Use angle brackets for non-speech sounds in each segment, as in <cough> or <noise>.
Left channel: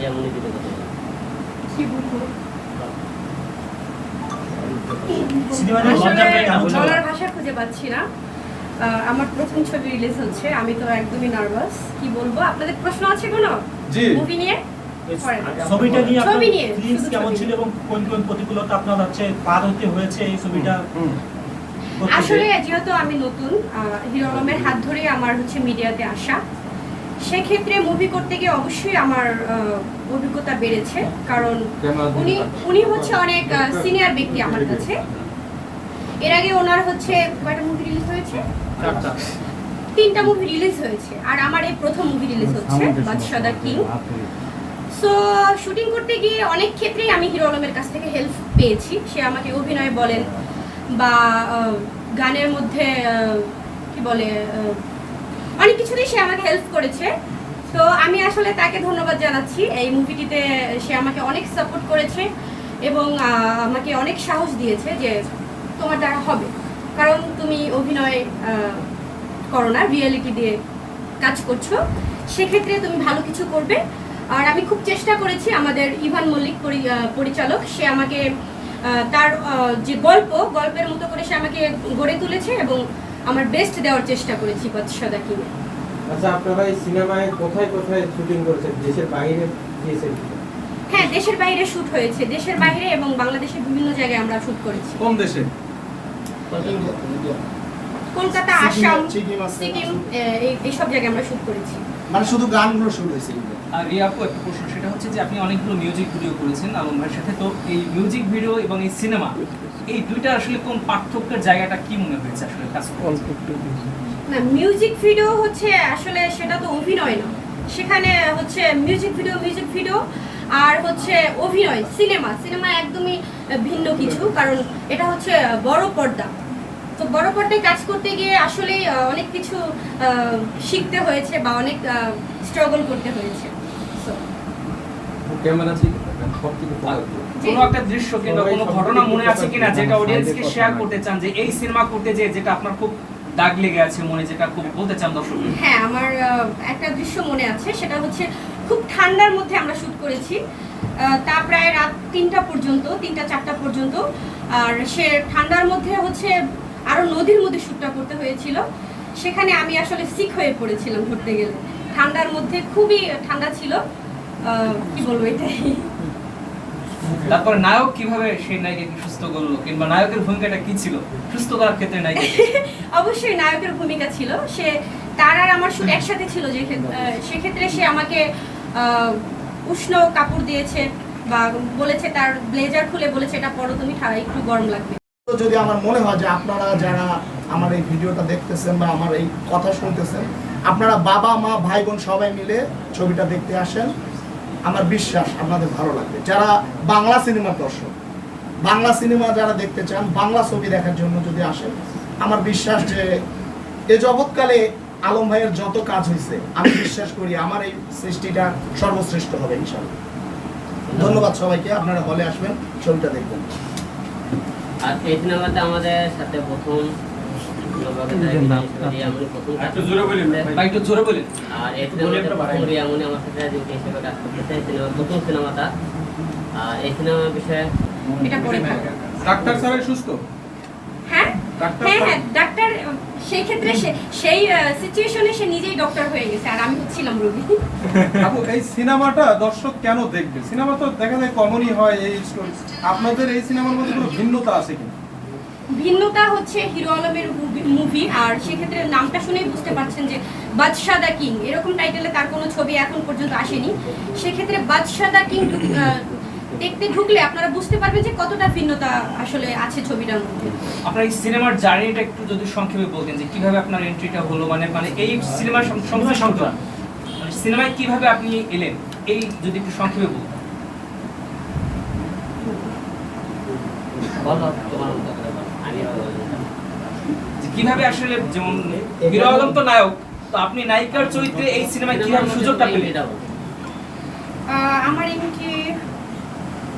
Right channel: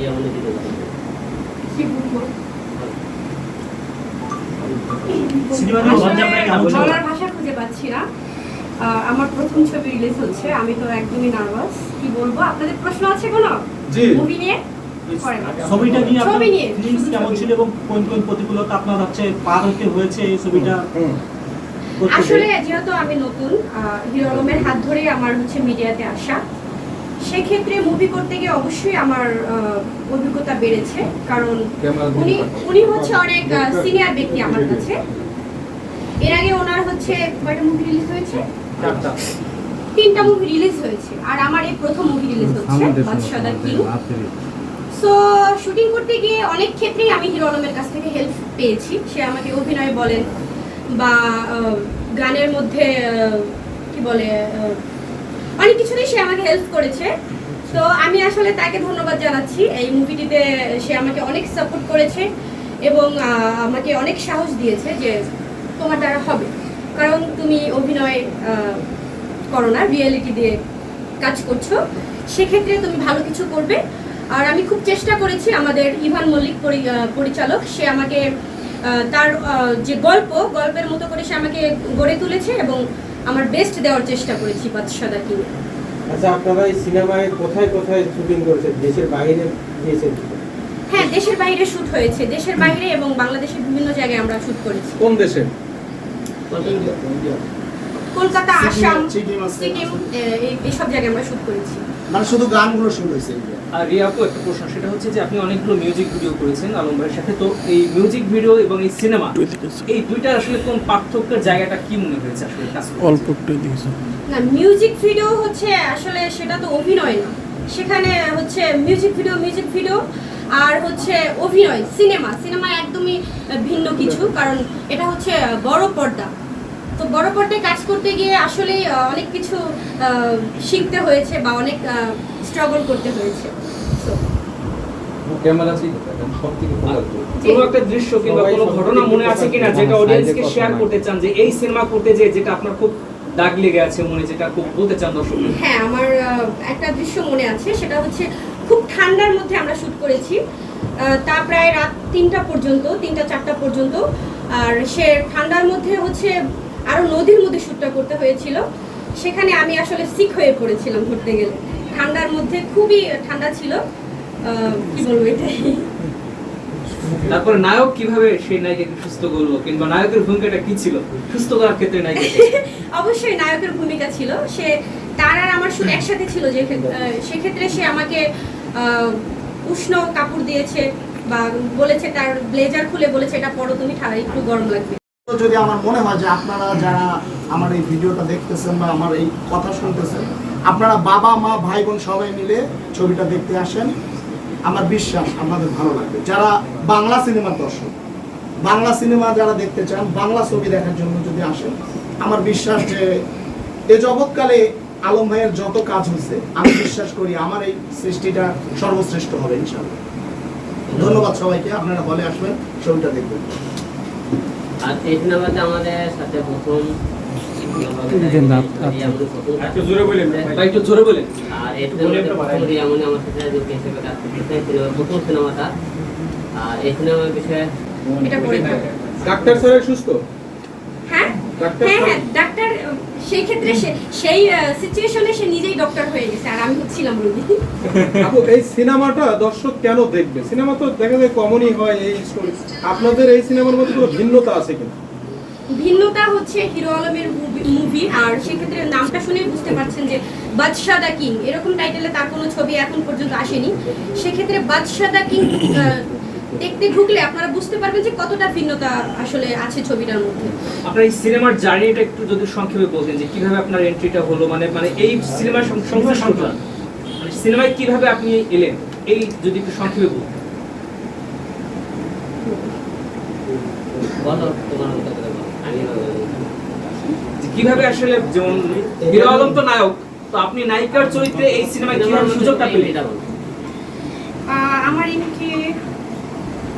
এই এমন কিছু কথা বলব। কি বলব? সিনেমা নিয়ে লজ্জা আসলে পেয়ে না বলতে বলার ভাষা খুঁজে পাচ্ছি না। আমার প্রথম ছবি রিলিজ হচ্ছে আমি তো একদমই নার্ভাস কি বলব? আপনাদের প্রশ্ন আছে কোনো? মুভি নিয়ে? ছবিটা নিয়ে ছবি নিয়ে, কেমন ছিল এবং কোন কোন প্রতিকূলতা আপনার হচ্ছে পার হতে হয়েছে এই ছবিটা? আসলে যেহেতু আমি নতুন আহ, হিরো আলমের হাত ধরে আমার হচ্ছে মিডিয়াতে আসা। সেক্ষেত্রে মুভি করতে গিয়ে অবশ্যই আমার অভিজ্ঞতা বেড়েছে। কারণ উনি উনি হচ্ছে অনেক সিনিয়র ব্যক্তি আমার কাছে। এর আগে ওনার হচ্ছে কয়টা মুভি রিলিজ হয়েছে। তিনটা মুভি রিলিজ হয়েছে। আর আমার এই প্রথম মুভি রিলিজ হচ্ছে বাদশাদা কিং সো শুটিং করতে গিয়ে অনেক ক্ষেত্রেই আমি হিরো আলমের কাছ থেকে হেল্প পেয়েছি। সে আমাকে অভিনয় বলেন বা গানের মধ্যে কি বলে অনেক কিছুতেই সে আমাকে হেল্প করেছে। তো আমি আসলে তাকে ধন্যবাদ জানাচ্ছি। এই মুভিটিতে সে আমাকে অনেক সাপোর্ট করেছে এবং আমাকে অনেক সাহস দিয়েছে যে তোমার দ্বারা হবে। কারণ তুমি অভিনয় করো না রিয়েলিটি দিয়ে কাজ করছ। সেক্ষেত্রে তুমি ভালো কিছু করবে। আর আমি খুব চেষ্টা করেছি আমাদের ইভান মল্লিক পরিচালক, সে আমাকে তার যে গল্প, গল্পের মতো করে সে আমাকে গড়ে তুলেছে এবং আমার বেস্ট দেওয়ার চেষ্টা করেছি বাদশাদা কিনে আচ্ছা আপনারা এই সিনেমায় কোথায় কোথায় শুটিং করেছেন? দেশের বাইরে গিয়েছেন হ্যাঁ দেশের বাইরে শুট হয়েছে। দেশের বাইরে এবং বাংলাদেশের বিভিন্ন জায়গায় আমরা শুট করেছি। কোন দেশে? কলকাতা আসাম সিকিম এইসব জায়গায় আমরা শুট করেছি। মানে শুধু গানগুলো শুরু হয়েছে আর রিয়া আপু একটা প্রশ্ন সেটা হচ্ছে যে আপনি অনেকগুলো মিউজিক ভিডিও করেছেন আলম ভাইয়ের সাথে তো এই মিউজিক ভিডিও এবং এই সিনেমা এই দুইটা আসলে কোন পার্থক্যের জায়গাটা কি মনে হয়েছে আসলে অল্প একটু না মিউজিক ভিডিও হচ্ছে আসলে সেটা তো অভিনয় না। সেখানে হচ্ছে মিউজিক ভিডিও মিউজিক ভিডিও আর হচ্ছে অভিনয় সিনেমা সিনেমা একদমই ভিন্ন কিছু কারণ এটা হচ্ছে বড় পর্দা। তো বড় পর্দায় কাজ করতে গিয়ে আসলে অনেক কিছু শিখতে হয়েছে বা অনেক স্ট্রাগল করতে হয়েছে। ক্যামেরা থেকে কোনো একটা দৃশ্য কিংবা কোনো ঘটনা মনে আছে কিনা যেটা অডিয়েন্সকে শেয়ার করতে চান যে এই সিনেমা করতে যে যেটা আপনার খুব দাগ লেগে আছে মনে যেটা খুব বলতে চান দর্শক হ্যাঁ আমার একটা দৃশ্য মনে আছে সেটা হচ্ছে খুব ঠান্ডার মধ্যে আমরা শ্যুট করেছি। তা প্রায় রাত তিনটা পর্যন্ত তিনটা চারটা পর্যন্ত। আর সে ঠান্ডার মধ্যে হচ্ছে আরও নদীর মধ্যে শ্যুটটা করতে হয়েছিল। সেখানে আমি আসলে সিক হয়ে পড়েছিলাম ধরতে গেলে। ঠান্ডার মধ্যে খুবই ঠান্ডা ছিল। কি বলব এটাই? তারপরে নায়ক কীভাবে সেই নায়িকাকে সুস্থ করল? কিংবা নায়কের ভূমিকাটা কি ছিল? সুস্থ করার ক্ষেত্রে নায়িকা <laughs> অবশ্যই নায়কের ভূমিকা ছিল। সে তার আর আমার শুট একসাথে ছিল যে সেক্ষেত্রে সে আমাকে আহ, উষ্ণ কাপড় দিয়েছে বা বলেছে তার ব্লেজার খুলে বলেছে এটা পরো তুমি ঠা- একটু গরম লাগবে। যদি আমার মনে হয় যে আপনারা যারা আমার এই ভিডিওটা দেখতেছেন বা আমার এই কথা শুনতেছেন, আপনারা বাবা, মা ভাই বোন সবাই মিলে ছবিটা দেখতে আসেন। আমার বিশ্বাস আপনাদের ভালো লাগবে। যারা বাংলা সিনেমার দর্শক, বাংলা সিনেমা যারা দেখতে চান, বাংলা ছবি দেখার জন্য যদি আসেন, আমার বিশ্বাস যে এ জগৎকালে আলম ভাইয়ের যত কাজ হয়েছে, আমি বিশ্বাস করি আমার এই সৃষ্টিটা সর্বশ্রেষ্ঠ হবে ইনশাল্লাহ ধন্যবাদ সবাইকে, আপনারা হলে আসবেন, ছবিটা দেখবেন। আর আমাদের সাথে প্রথম কাজ। আর এই আমার সাথে যোগী হিসেবে এই সিনেমা প্রথম সিনেমাটা আর এই সিনেমার বিষয়ে ডাক্তার স্যার সুস্থ? হ্যাঁ ডাক্তার হ্যাঁ হ্যাঁ ডাক্তার সেই ক্ষেত্রে সেই সিচুয়েশনে সে নিজেই ডক্টর হয়ে গেছে আর আমি হচ্ছিলাম রোগী। আপু এই সিনেমাটা দর্শক কেন দেখবে? সিনেমা তো দেখা যায় কমনই হয় এই স্টোরি আপনাদের এই সিনেমার মধ্যে কোনো ভিন্নতা আছে কিনা? ভিন্নতা হচ্ছে হিরো আলমের মুভি আর সেক্ষেত্রে নামটা শুনেই বুঝতে পারছেন যে বাদশাহ দা কিং এরকম টাইটেলে তার কোনো ছবি এখন পর্যন্ত আসেনি। সেক্ষেত্রে বাদশাহ দা কিং দেখতে ঢুকলে আপনারা বুঝতে পারবেন যে কতটা ভিন্নতা আসলে আছে ছবিটার মধ্যে। আপনার এই সিনেমার জার্নিটা একটু যদি সংক্ষেপে বলতেন যে কীভাবে আপনার এন্ট্রিটা হলো মানে মানে এই সিনেমার সং- সংশ্লিষ্ট মানে সিনেমায় কীভাবে আপনি এলেন? এই যদি একটু সংক্ষেপে বলতেন বলো তোমার মতো আমি বলব কীভাবে আসলে যেমন হিরো আলম তো নায়ক তো আপনি নায়িকার চরিত্রে এই সিনেমায় কীভাবে সুযোগটা পেলেন আহ, আমার এমনিতে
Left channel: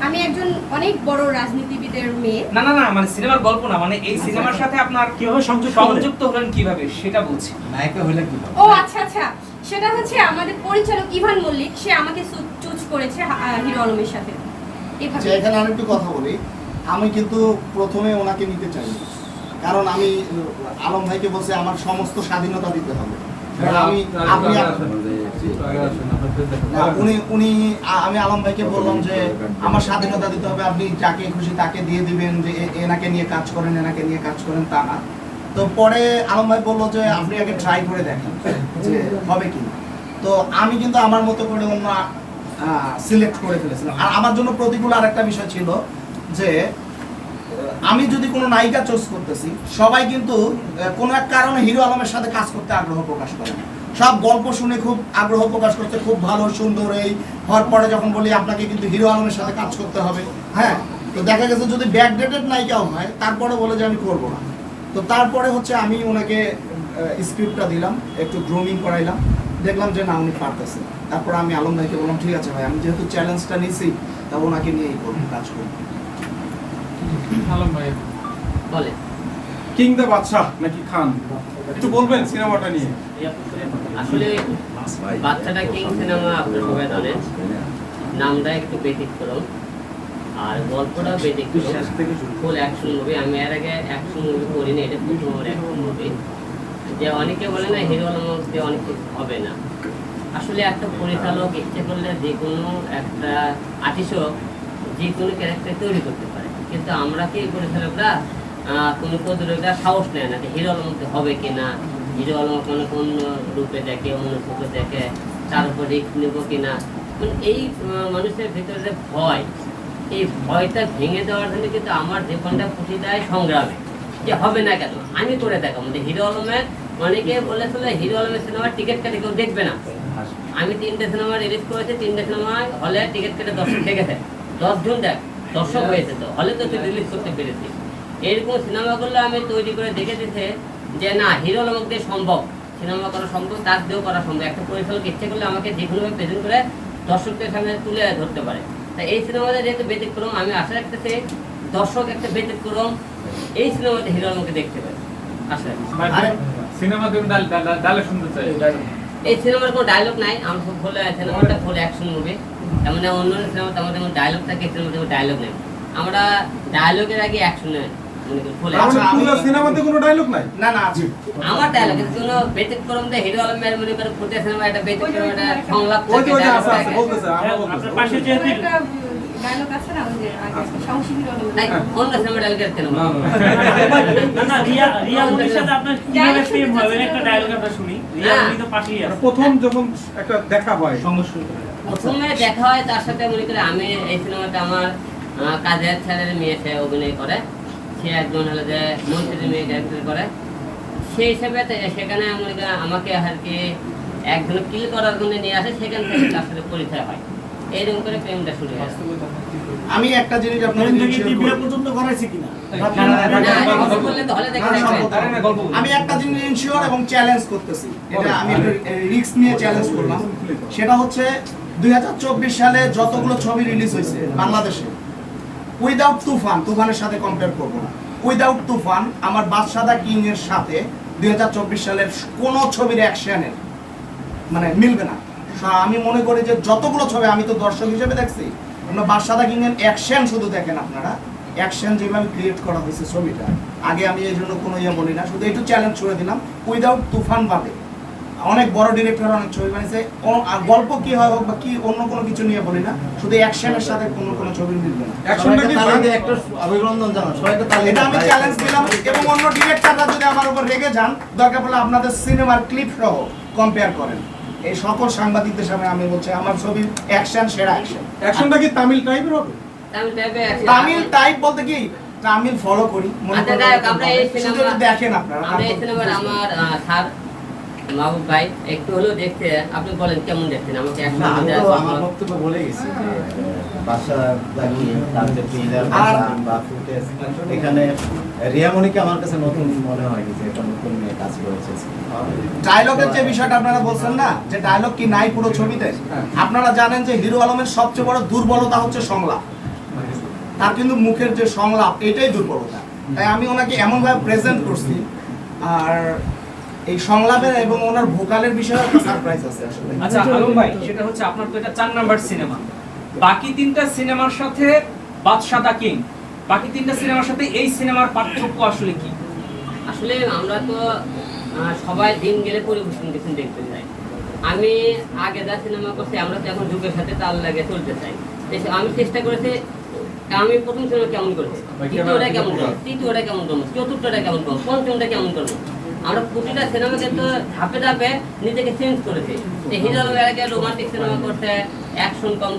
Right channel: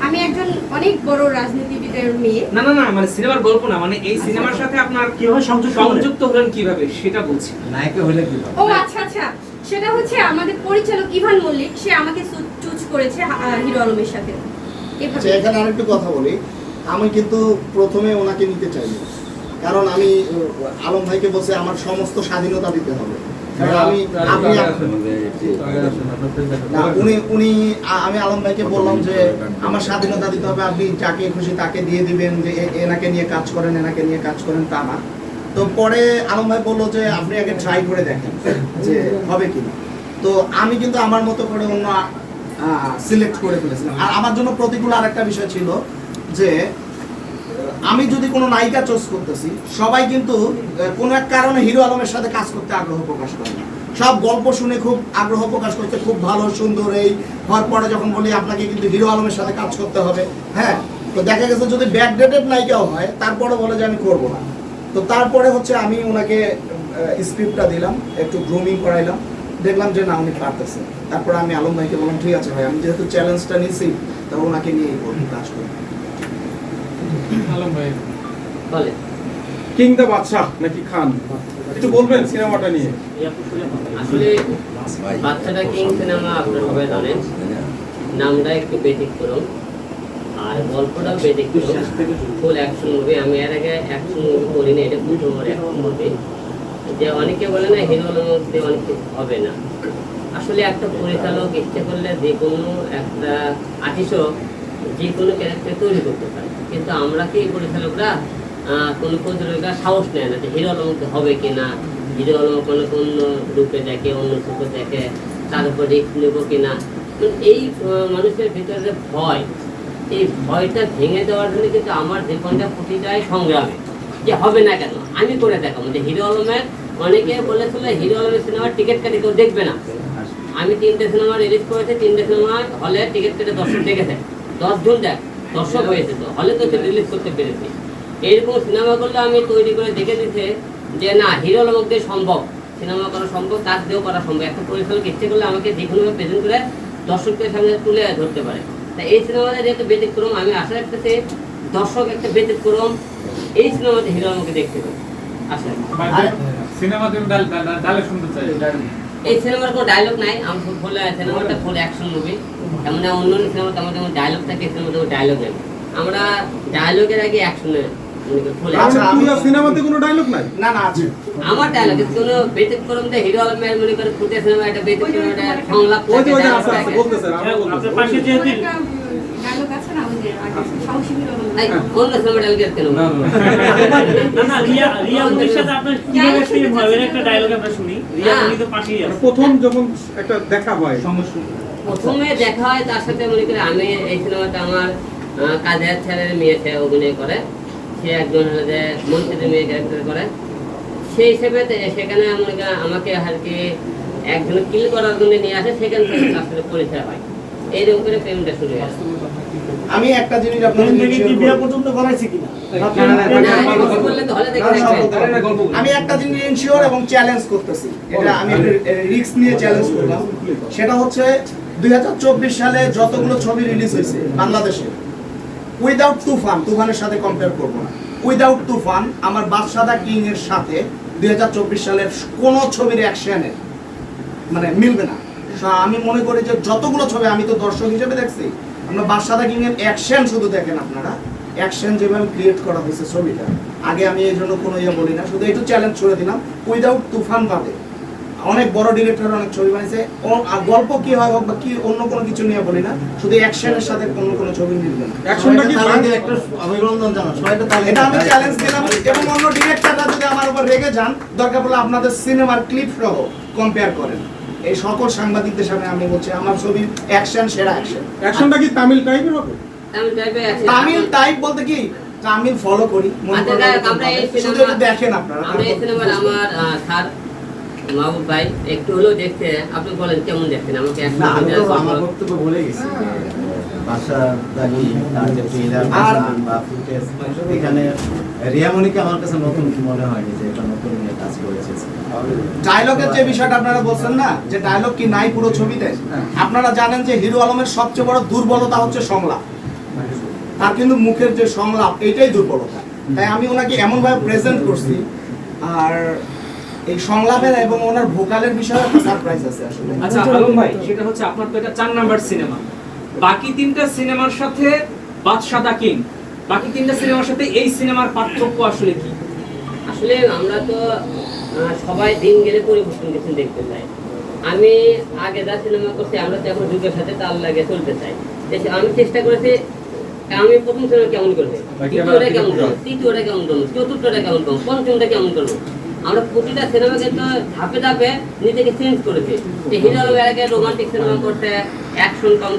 আমি একজন অনেক বড় রাজনীতিবিদের মেয়ে। না না না মানে সিনেমার গল্প না মানে এই সিনেমার সাথে আপনার কীভাবে সংযুক্ত হলেন? কীভাবে সেটা বলছি। নায়িকা হলে কি ও আচ্ছা আচ্ছা। সেটা হচ্ছে আমাদের পরিচালক ইভান মল্লিক সে আমাকে চুজ করেছে হিরো আলমের সাথে। এভাবে। আচ্ছা এখানে আরেকটু কথা বলি। আমি কিন্তু প্রথমে ওনাকে নিতে চাই কারণ আমি আলম ভাইকে বলছি আমার সমস্ত স্বাধীনতা দিতে হবে। আমি আপনি না উনি উনি আমি আলম ভাইকে বললাম যে আমার স্বাধীনতা দিতে হবে আপনি যাকে খুশি তাকে দিয়ে দিবেন যে এনাকে নিয়ে কাজ করেন এনাকে নিয়ে কাজ করেন তা না। তো পরে আলম ভাই বলল যে আপনি আগে ট্রাই করে দেখেন যে হবে কি তো আমি কিন্তু আমার মতো করে অন্য সিলেক্ট করে ফেলেছিলাম। আর আমার জন্য প্রতিকূল আরেকটা বিষয় ছিল যে আমি যদি কোনো নায়িকা চোজ করতেছি, সবাই কিন্তু কোনো এক কারণে হিরো আলমের সাথে কাজ করতে আগ্রহ প্রকাশ করে সব গল্প শুনে খুব আগ্রহ প্রকাশ করতে খুব ভালো, সুন্দর এই। হওয়ার পরে যখন বলি আপনাকে কিন্তু হিরো আলমের সাথে কাজ করতে হবে হ্যাঁ? তো দেখা গেছে যদি ব্যাকডেটেড নায়িকাও হয়, তারপরে বলে যে আমি করব না। তো তারপরে হচ্ছে আমি ওনাকে স্ক্রিপ্টটা দিলাম, একটু গ্রুমিং করাইলাম। দেখলাম যে না, উনি পারতেছে। তারপরে আমি আলম ভাইকে বললাম, ঠিক আছে ভাই, আমি যেহেতু চ্যালেঞ্জটা নিয়েছি তা ওনাকে নিয়েই করব কাজ করব। বলে। কিং দ্য বাদশাহ নাকি খান? একটু বলবেন সিনেমাটা নিয়ে। আসলে বাচ্চাটা কিং সিনেমা আপনারা সবাই জানেন। নামটা একটু ব্যতিক্রম আর গল্পটাও ব্যতিক্রম। ফুল অ্যাকশন মুভি আমি এর আগে অ্যাকশন মুভি করিনি এটা প্রথম আমার অ্যাকশন মুভি যে অনেকে বলে না হিরো মধ্যে অনেক হবে না। আসলে একটা পরিচালক ইচ্ছে করলে যে কোনো একটা আর্টিস্টও যে কোনো ক্যারেক্টার তৈরি করতে পারে। কিন্তু আমরা কি পরিচালকরা কোনো প্রযোজকরা সাহস নেয় না যে হিরো আলমকে হবে কি না হিরো আলম কোনো অন্য রূপে দেখে, অন্য রূপে দেখে, তার উপর রিস্ক নেব কিনা। মানে এই মানুষের ভিতরে যে ভয়, এই ভয়টা ভেঙে দেওয়ার জন্য কিন্তু আমার জীবনটা প্রতিটাই সংগ্রামে। যে হবে না কেন? আমি করে দেখাবো। যে হিরো আলমের, অনেকে বলেছিল হিরো আলমের সিনেমার টিকিট কাটি কেউ দেখবে না। আমি তিনটে সিনেমা রিলিজ করেছি, তিনটে সিনেমা হলে টিকিট কেটে দর্শক দেখেছে দশজন দেখ দর্শক হয়েছে তো। হলে তো রিলিজ করতে পেরেছি। এইরকম সিনেমাগুলো আমি তৈরি করে দেখে দিতে যে না হিরো আলমক দিয়ে সম্ভব সিনেমা করা সম্ভব তার দিয়েও করা সম্ভব। একটা পরিচালক ইচ্ছে করলে আমাকে যে কোনোভাবে প্রেজেন্ট করে দর্শকদের সামনে তুলে ধরতে পারে। তা এই সিনেমাতে যেহেতু ব্যতিক্রম আমি আশা রাখতেছি দর্শক একটা ব্যতিক্রম এই সিনেমাতে হিরো আলমকে দেখতে আশা চাই। এই সিনেমার কোনো ডায়লগ নাই আমি খুব ফুল সিনেমাটা ফুল অ্যাকশন মুভি তেমন অন্য সিনেমা তেমন তেমন ডায়লগ থাকে সিনেমাতে ডায়লগ নেই। আমরা ডায়লগের আগে অ্যাকশনে আচ্ছা, সিনেমাতে কোনো ডায়লগ নাই? না না আছে। আমার ডায়লগ কোনো বেতেক করম দে হিরো আলমের মনে করে সিনেমা একটা ব্যতিক্রম একটা সংলাপ থাকে প্রথম যখন একটা দেখা হয়। প্রথমে দেখা হয় তার সাথে মনে করে আমি এই সিনেমাতে আমার কাজের ছেলের মেয়ে সে অভিনয় করে। সে একজন হলো যে মন্ত্রীর মেয়ে ক্যারেক্টার করে। সেই হিসেবে সেখানে মনে করেন আমাকে আর কি একজন কিল করার জন্য নিয়ে আসে সেখান থেকে তার সাথে পরিচয় হয় এইরকম করে প্রেমটা শুরু হয় আমি একটা জিনিস আপনাদের পর্যন্ত করাইছে কিনা। আমি একটা জিনিস ইনশিওর এবং চ্যালেঞ্জ করতেছি। এটা আমি রিস্ক নিয়ে চ্যালেঞ্জ করলাম। সেটা হচ্ছে দুই সালে যতগুলো ছবি রিলিজ হয়েছে বাংলাদেশে উইদাউট তুফান তুফানের সাথে কম্পেয়ার করব না। উইদাউট তুফান আমার বাদশাদা কিং এর সাথে দুই হাজার চব্বিশ সালের কোনো ছবির অ্যাকশনের মানে মিলবে না। আমি মনে করি যে যতগুলো ছবি আমি তো দর্শক হিসেবে দেখছি আমরা বাদশাদা কিং এর অ্যাকশন শুধু দেখেন আপনারা। অ্যাকশন যেভাবে ক্রিয়েট করা হয়েছে ছবিটা। আগে আমি এই জন্য কোনো ইয়ে বলি না শুধু একটু চ্যালেঞ্জ ছুড়ে দিলাম। উইদাউট তুফান বাদে। অনেক বড় ডিরেক্টর অনেক ছবি বানিয়েছে। আর গল্প কি হয় হোক বা কি অন্য কোনো কিছু নিয়ে বলি না শুধু অ্যাকশনের সাথে কোনো কোনো ছবি মিলবে না। অভিনন্দন জানাও সবাইকে এটা আমি চ্যালেঞ্জ দিলাম। এবং অন্য ডিরেক্টররা যদি আমার উপর রেগে যান দরকার পড়লে আপনাদের সিনেমার ক্লিপ সহ কম্পেয়ার করেন। এই সকল সাংবাদিকদের সামনে আমি বলছি আমার ছবির অ্যাকশন সেরা অ্যাকশন অ্যাকশনটা কি তামিল টাইপের হবে? আমি তামিল টাইপ বলতে কি তামিল ফলো করি আচ্ছা, একটু দেখেন আপনারা আমরা এই সিনেমার আমার স্যার মাহবুব ভাই একটু হলেও দেখতে আপনি বলেন কেমন দেখছেন? আমাকে এক না আমি মিনিট তো দেওয়া আমার বক্তব্য বলে গেছি এখানে রিয়ামণিকে আমার কাছে নতুন মনে হয়নি যে এটা নতুন নিয়ে কাজ করেছে। ডায়লগের যে বিষয়টা আপনারা বলছেন না যে ডায়লগ কি নাই পুরো ছবিতে? আপনারা জানেন যে হিরো আলমের সবচেয়ে বড় দুর্বলতা হচ্ছে সংলাপ। তার কিন্তু মুখের যে সংলাপ এটাই দুর্বলতা। তাই আমি ওনাকে এমনভাবে প্রেজেন্ট করছি আর এই সংলাপের এবং ওনার ভোকালের বিষয়ে সারপ্রাইজ আছে আসলে। আচ্ছা আলম ভাই সেটা হচ্ছে আপনার তো এটা চার নাম্বার সিনেমা বাকি তিনটা সিনেমার সাথে বাদশা দা কিং বাকি তিনটা সিনেমার সাথে এই সিনেমার পার্থক্য আসলে কি? আসলে আমরা তো সবাই দিন গেলে পরিবর্তন কিছু দেখতে চাই। আমি আগে যা সিনেমা করছি আমরা তো এখন যুগের সাথে তাল লাগে চলতে চাই। আমি চেষ্টা করেছি আমি প্রথম সিনেমা কেমন করেছি? দ্বিতীয়টা কেমন করব? তৃতীয়টা কেমন করব? চতুর্থটা কেমন করব? পঞ্চমটা কেমন করব? আমরা প্রতিটা সিনেমা কিন্তু ধাপে ধাপে নিজেকে চেঞ্জ করেছি। হিরো রোমান্টিক সিনেমা করছে অ্যাকশন কম